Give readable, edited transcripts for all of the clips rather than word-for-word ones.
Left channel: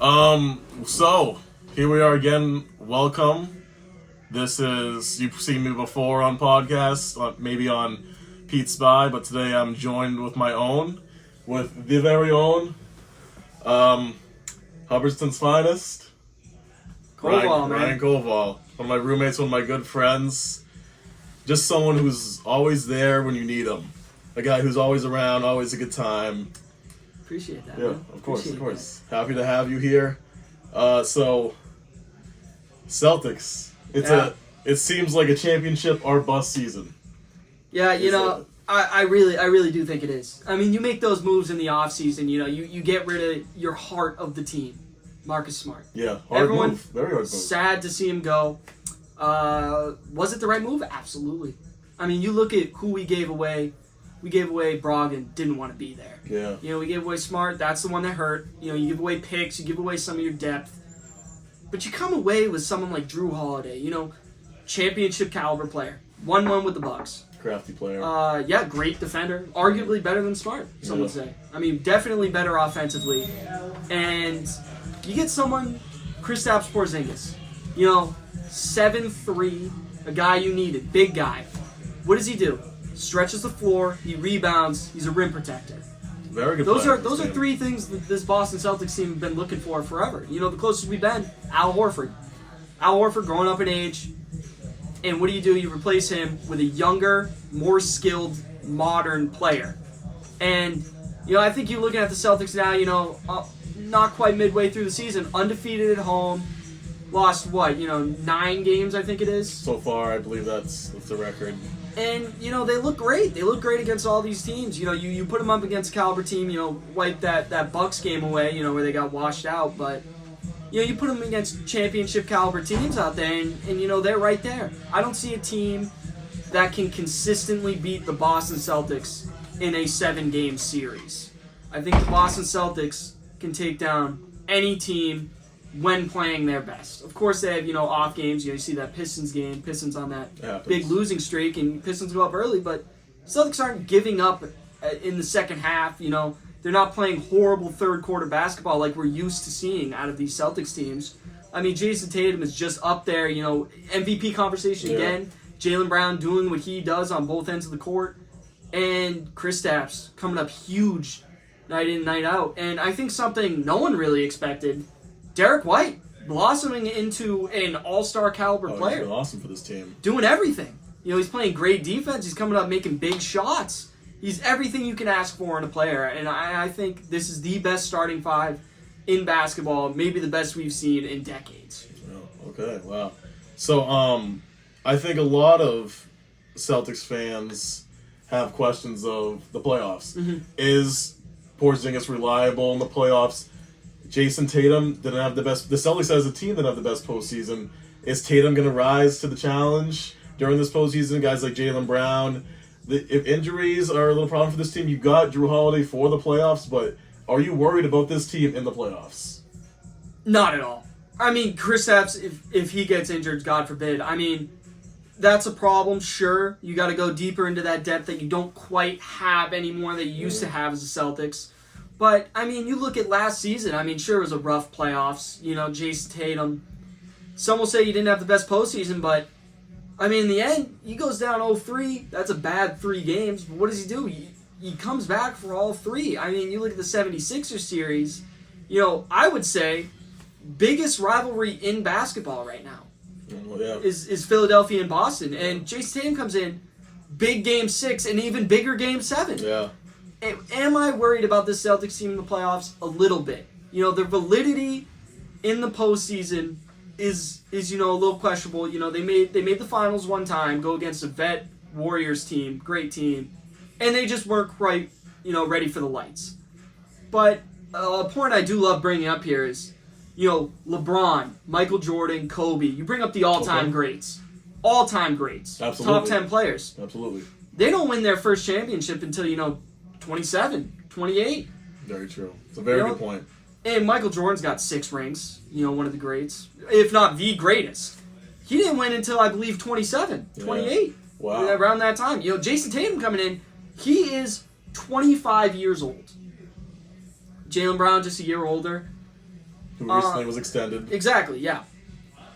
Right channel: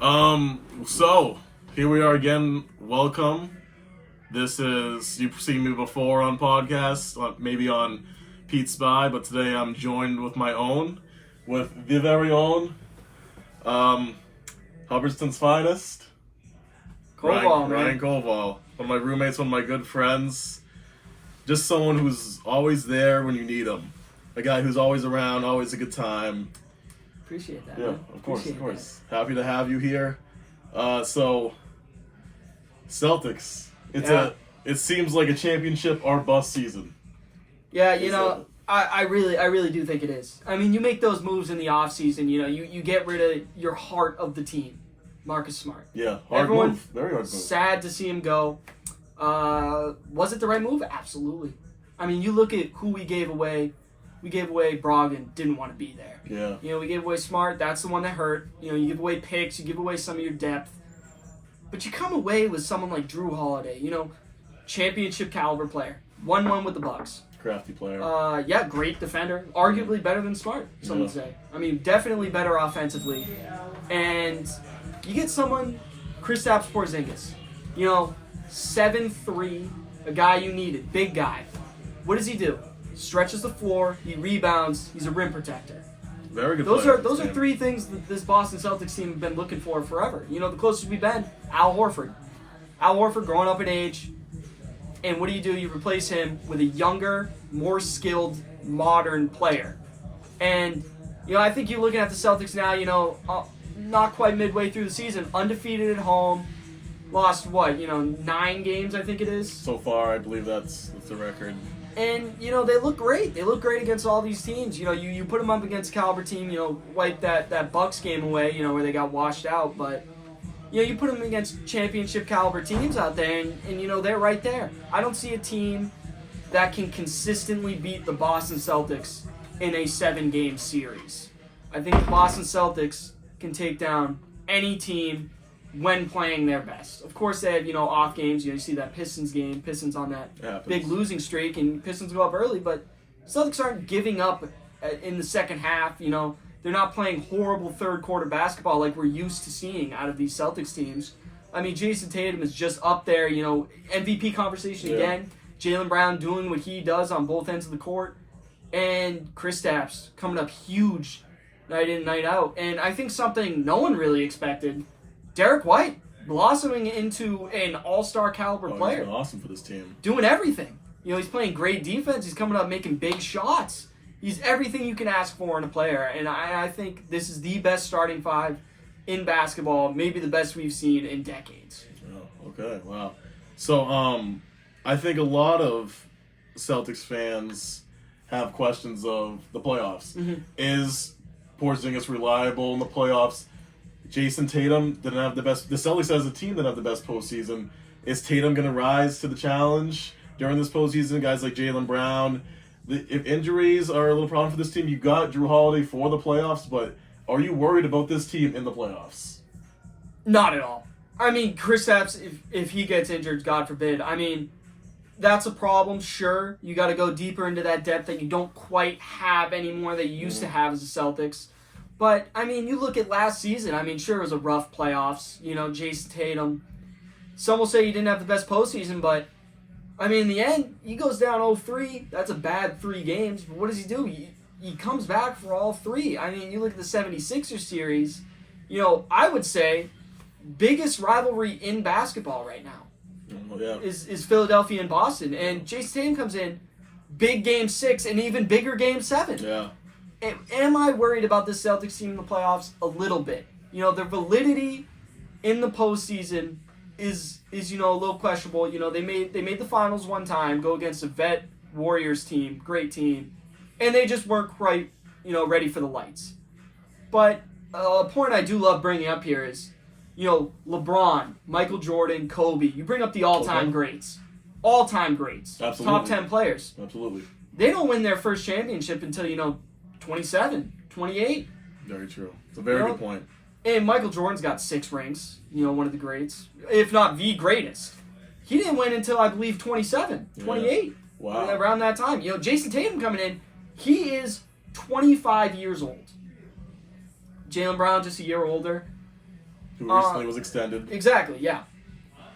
So here we are again. Welcome. This is, you've seen me before on podcasts, maybe on Pete's Spy, but today I'm joined with the very own, Hubbardston's finest, Ryan Kowal. One of my roommates, one of my good friends, just someone who's always there when you need him. A guy who's always around, always a good time. Appreciate that. Yeah, man. of course. Happy to have you here. So, Celtics. It seems like a championship or bust season. Yeah, I really do think it is. I mean, you make those moves in the offseason, you get rid of your heart of the team. Marcus Smart. Yeah, Everyone, move. Very hard move. Sad to see him go. Was it the right move? Absolutely. I mean, you look at who we gave away. We gave away Brogdon, didn't want to be there. Yeah. We gave away Smart, that's the one that hurt. You give away picks, you give away some of your depth. But you come away with someone like Drew Holiday, championship caliber player. 1-1 with the Bucks. Crafty player. Yeah, great defender. Arguably better than Smart, some would say. I mean, definitely better offensively. And you get someone, Kristaps Porzingis. 7'3", a guy you needed, big guy. What does he do? Stretches the floor, he rebounds, he's a rim protector. Very good. Those are three things that this Boston Celtics team have been looking for forever. The closest we've been, Al Horford. Al Horford growing up in age, and what do? You replace him with a younger, more skilled, modern player. And I think you're looking at the Celtics now. Not quite midway through the season, undefeated at home. Lost 9 games, I think it is. So far, I believe that's the record. And, they look great. They look great against all these teams. You put them up against a caliber team, wipe that Bucks game away, where they got washed out. But, you put them against championship caliber teams out there, and they're right there. I don't see a team that can consistently beat the Boston Celtics in a 7-game series. I think the Boston Celtics can take down any team when playing their best. Of course, they have, off games. You see that Pistons game. Pistons on that big losing streak, and Pistons go up early. But Celtics aren't giving up in the second half. They're not playing horrible third-quarter basketball like we're used to seeing out of these Celtics teams. I mean, Jason Tatum is just up there, MVP conversation again. Jaylen Brown doing what he does on both ends of the court. And Kristaps coming up huge night in, night out. And I think something no one really expected, Derek White blossoming into an all-star caliber player. He's been awesome for this team. Doing everything. He's playing great defense. He's coming up making big shots. He's everything you can ask for in a player. And I think this is the best starting five in basketball, maybe the best we've seen in decades. Oh, okay, wow. So I think a lot of Celtics fans have questions of the playoffs. Mm-hmm. Is Porzingis reliable in the playoffs? Jason Tatum didn't have the best. The Celtics as a team didn't have the best postseason. Is Tatum going to rise to the challenge during this postseason? Guys like Jaylen Brown. If injuries are a little problem for this team, you got Drew Holiday for the playoffs, but are you worried about this team in the playoffs? Not at all. I mean, Kristaps, if he gets injured, God forbid. I mean, that's a problem, sure. You got to go deeper into that depth that you don't quite have anymore that you used to have as the Celtics. But, I mean, you look at last season. I mean, sure, it was a rough playoffs. Jason Tatum. Some will say he didn't have the best postseason, but, I mean, in the end, he goes down 0-3. That's a bad 3 games. But what does he do? He comes back for all 3. I mean, you look at the 76ers series. I would say biggest rivalry in basketball right now is Philadelphia and Boston. And Jason Tatum comes in, big game 6, and even bigger game 7. Yeah. Am I worried about this Celtics team in the playoffs? A little bit. Their validity in the postseason is a little questionable. They made the finals one time, go against a vet Warriors team, great team, and they just weren't quite, ready for the lights. But a point I do love bringing up here is, LeBron, Michael Jordan, Kobe. You bring up the all-time greats. All-time greats. Absolutely. Top 10 players. Absolutely. They don't win their first championship until, 27, 28. Very true. It's a very good point. And Michael Jordan's got 6 rings, one of the greats, if not the greatest. He didn't win until, I believe, 27, 28. Wow. Around that time. Jason Tatum coming in, he is 25 years old. Jaylen Brown just a year older. who recently was extended. Exactly, yeah.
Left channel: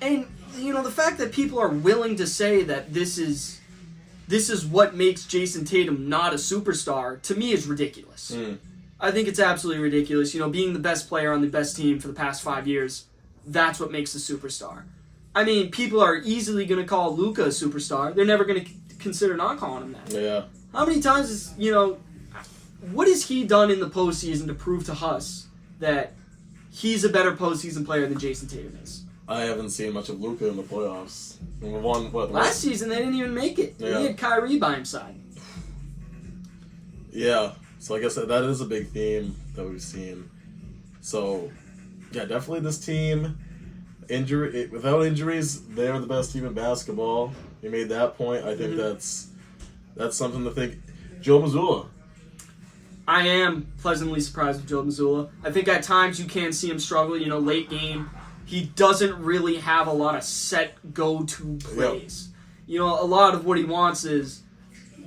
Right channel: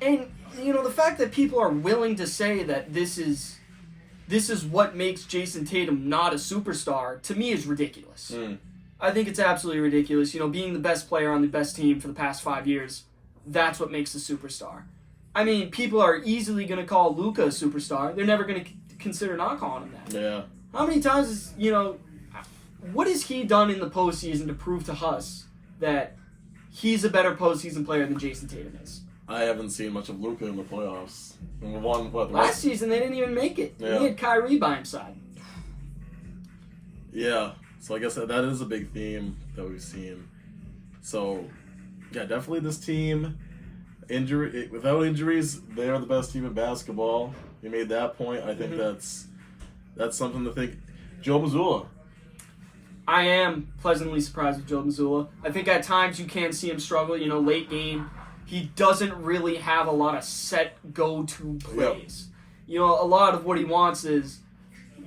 And, the fact that people are willing to say that this is what makes Jason Tatum not a superstar, to me is ridiculous. I think it's absolutely ridiculous. Being the best player on the best team for the past 5 years, that's what makes a superstar. I mean, people are easily going to call Luka a superstar. They're never going to consider not calling him that. Yeah. How many times what has he done in the postseason to prove to us that he's a better postseason player than Jason Tatum is? I haven't seen much of Luka in the playoffs. Last season, they didn't even make it. Yeah. He had Kyrie by his side. Yeah. So I guess that is a big theme that we've seen. So, yeah, definitely this team, without injuries, they're the best team in basketball. They made that point. I think that's something to think. Joe Mazzulla. I am pleasantly surprised with Joe Mazzulla. I think at times you can see him struggle, late game. He doesn't really have a lot of set go-to plays. Yep. A lot of what he wants is,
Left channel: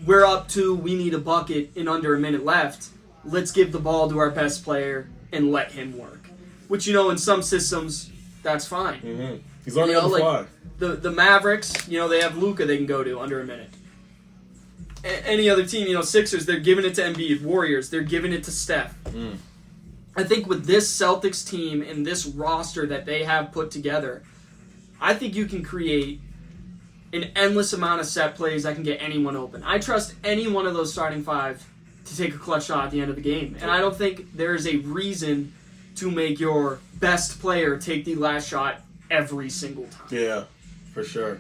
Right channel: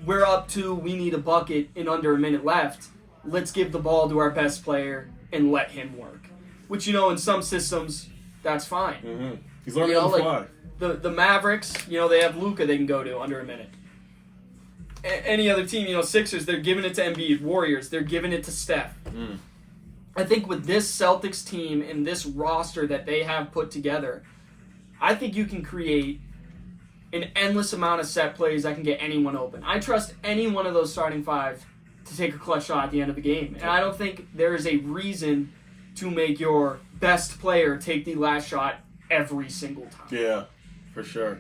we're up 2, we need a bucket in under a minute left. Let's give the ball to our best player and let him work. Which, in some systems, that's fine. Mm-hmm. He's learning on the fly. The Mavericks, they have Luka they can go to under a minute. Any other team, Sixers, they're giving it to Embiid. Warriors, they're giving it to Steph. I think with this Celtics team and this roster that they have put together, I think you can create an endless amount of set plays that can get anyone open. I trust any one of those starting 5 to take a clutch shot at the end of the game. And I don't think there is a reason to make your best player take the last shot every single time. Yeah, for sure.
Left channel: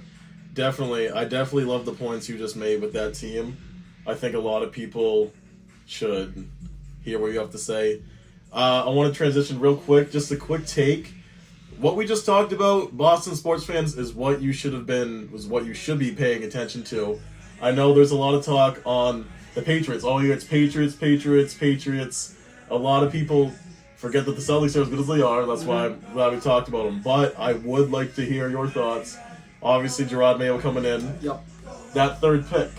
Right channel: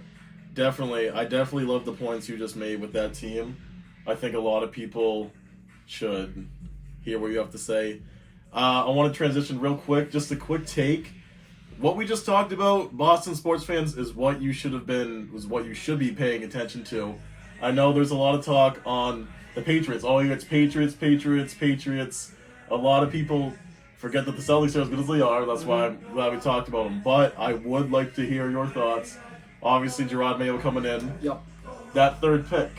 Definitely. I definitely love the points you just made with that team. I think a lot of people should hear what you have to say. I want to transition real quick, just a quick take. What we just talked about, Boston sports fans, is what you should be paying attention to. I know there's a lot of talk on the Patriots. It's Patriots. A lot of people forget that the Celtics are as good as they are. That's why I'm glad we talked about them. But I would like to hear your thoughts. Obviously, Gerard Mayo coming in. Yep. That third pick.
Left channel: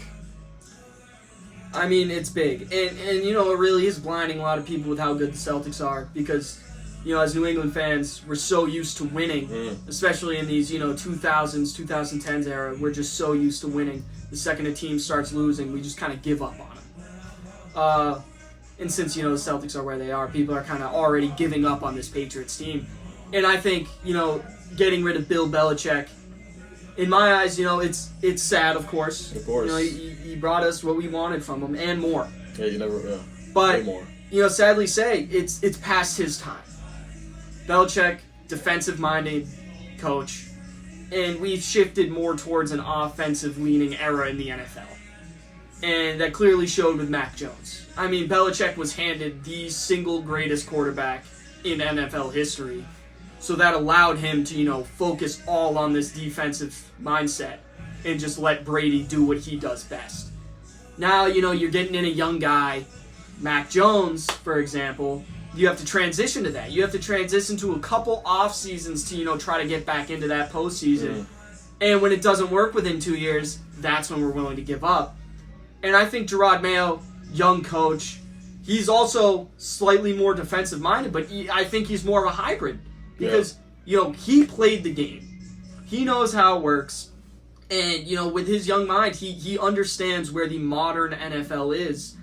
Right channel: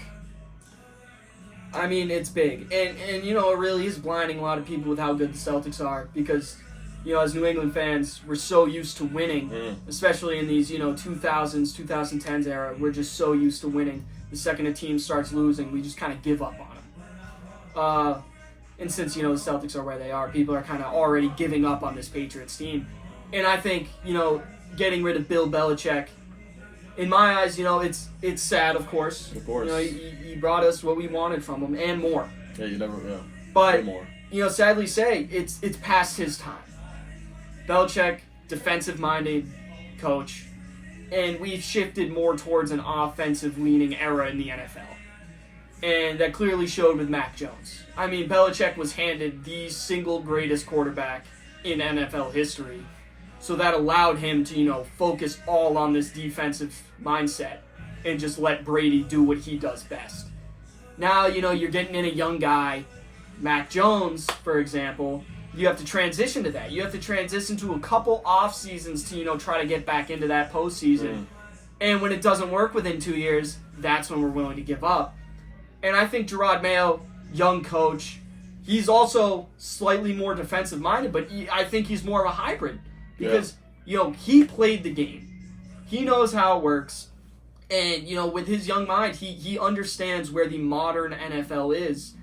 I mean, it's big. And it really is blinding a lot of people with how good the Celtics are because, as New England fans, we're so used to winning, especially in these, 2000s, 2010s era. We're just so used to winning. The second a team starts losing, we just kind of give up on them. And since, the Celtics are where they are, people are kind of already giving up on this Patriots team. And I think, getting rid of Bill Belichick, in my eyes, it's sad, of course. Of course. He brought us what we wanted from him and more. Yeah, you never will. But, way more. Sadly say, it's past his time. Belichick, defensive-minded coach, and we've shifted more towards an offensive-leaning era in the NFL. And that clearly showed with Mac Jones. I mean, Belichick was handed the single greatest quarterback in NFL history. So that allowed him to, focus all on this defensive mindset and just let Brady do what he does best. Now, you're getting in a young guy, Mac Jones, for example. You have to transition to that. You have to transition to a couple off seasons to, try to get back into that postseason. And when it doesn't work within 2 years, that's when we're willing to give up. And I think Gerard Mayo, young coach, he's also slightly more defensive-minded, but I think he's more of a hybrid. Because, he played the game. He knows how it works. And, with his young mind, he understands where the modern NFL is.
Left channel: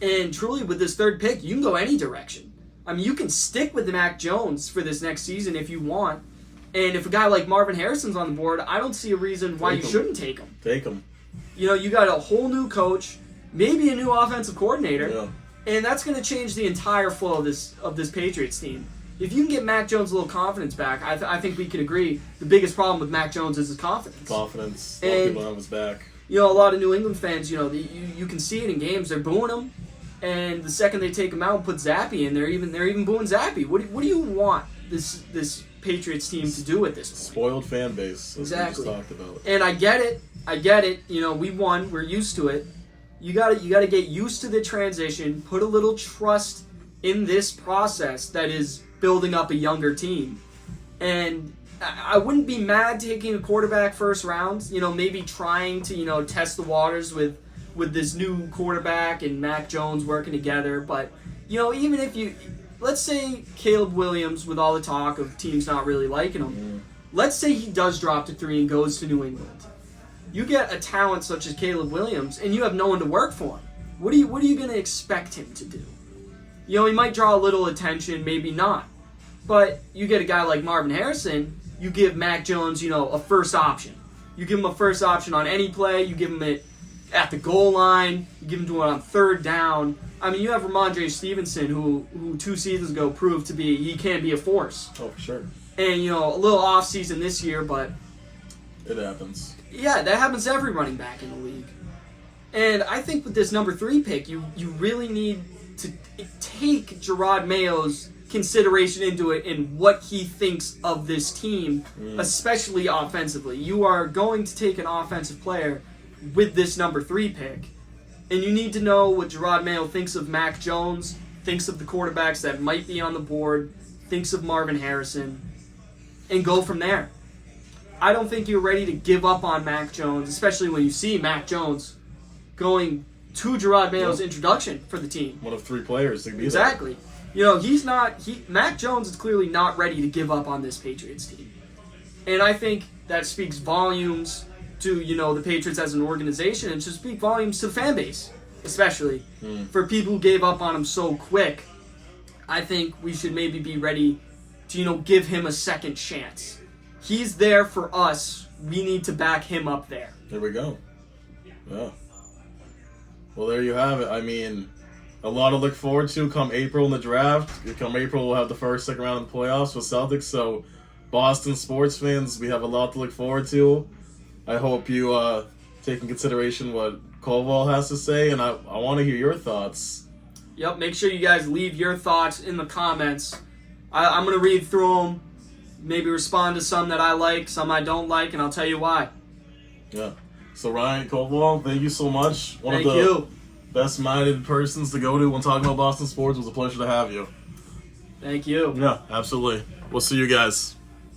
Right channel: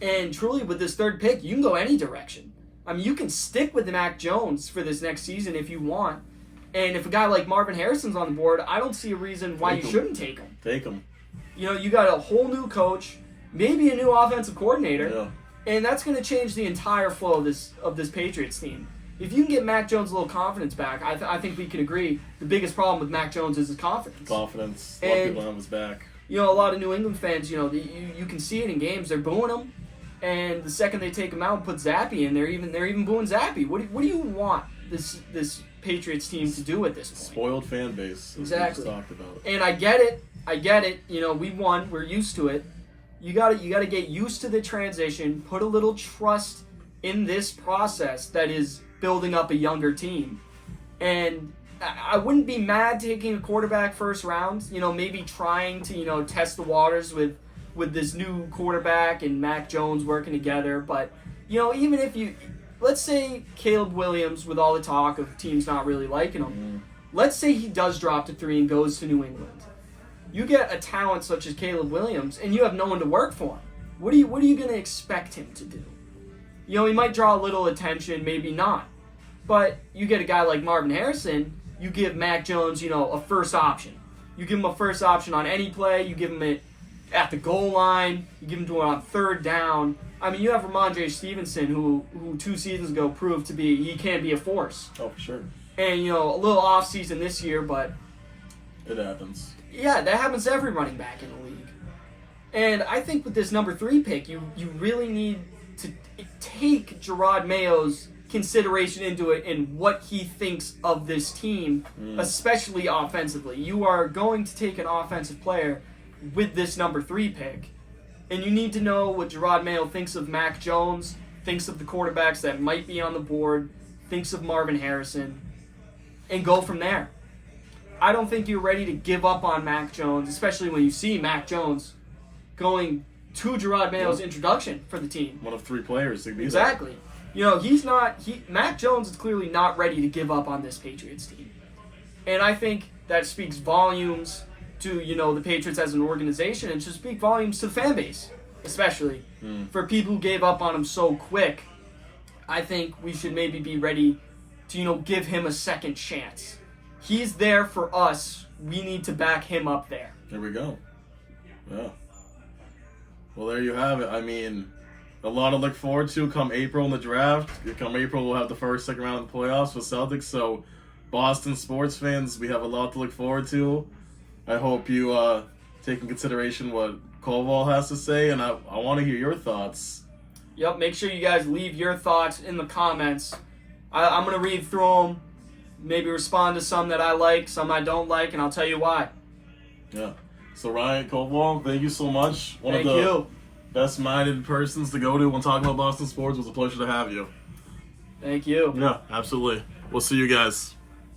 And truly, with this third pick, you can go any direction. I mean, you can stick with Mac Jones for this next season if you want. And if a guy like Marvin Harrison's on the board, I don't see a reason why you shouldn't take him. Take him. You got a whole new coach, maybe a new offensive coordinator. Yeah. And that's going to change the entire flow of this Patriots team. If you can get Mac Jones a little confidence back, I think we can agree the biggest problem with Mac Jones is his confidence. Confidence. A lot of people on his back. A lot of New England fans, you can see it in games. They're booing him, and the second they take him out and put Zappy in, they're even booing Zappy. What do you want this Patriots team to do at this point? Spoiled fan base. Exactly. We just talked about. And I get it. We won. We're used to it. You gotta get used to the transition. Put a little trust in this process that is building up a younger team. And I wouldn't be mad taking a quarterback first round, maybe trying to, test the waters with this new quarterback and Mac Jones working together. But, even if let's say Caleb Williams, with all the talk of teams not really liking him, let's say he does drop to 3 and goes to New England. You get a talent such as Caleb Williams, and you have no one to work for him. What are you going to expect him to do? You know, he might draw a little attention, maybe not. But you get a guy like Marvin Harrison, you give Mac Jones, you know, a first option. You give him a first option on any play. You give him it at the goal line. You give him to it on 3rd down. I mean, you have Ramondre Stevenson, who 2 seasons ago proved to be, he can be a force. Oh, for sure. And, you know, a little off-season this year, but... It happens. Yeah, that happens to every running back in the league. And I think with this number 3 pick, you really need to take Gerard Mayo's consideration into it and what he thinks of this team, especially offensively. You are going to take an offensive player with this number 3 pick, and you need to know what Gerard Mayo thinks of Mac Jones, thinks of the quarterbacks that might be on the board, thinks of Marvin Harrison, and go from there. I don't think you're ready to give up on Mac Jones, especially when you see Mac Jones going to Gerard Mayo's introduction for the team. One of 3 players to be Exactly. You know, Mac Jones is clearly not ready to give up on this Patriots team. And I think that speaks volumes to, you know, the Patriots as an organization, and should speak volumes to the fan base, especially. For people who gave up on him so quick, I think we should maybe be ready to, you know, give him a second chance. He's there for us. We need to back him up there. There we go. Yeah. Well, there you have it. I mean, a lot to look forward to come April in the draft. Come April, we'll have the first, second round of the playoffs with Celtics. So, Boston sports fans, we have a lot to look forward to. I hope you take in consideration what Kowal has to say, and I want to hear your thoughts. Yep, make sure you guys leave your thoughts in the comments. I'm going to read through them, maybe respond to some that I like, some I don't like, and I'll tell you why. Yeah. So, Ryan Kowal, thank you so much. Thank you. Best-minded persons to go to when talking about Boston sports. It was a pleasure to have you. Thank you. Yeah, absolutely. We'll see you guys.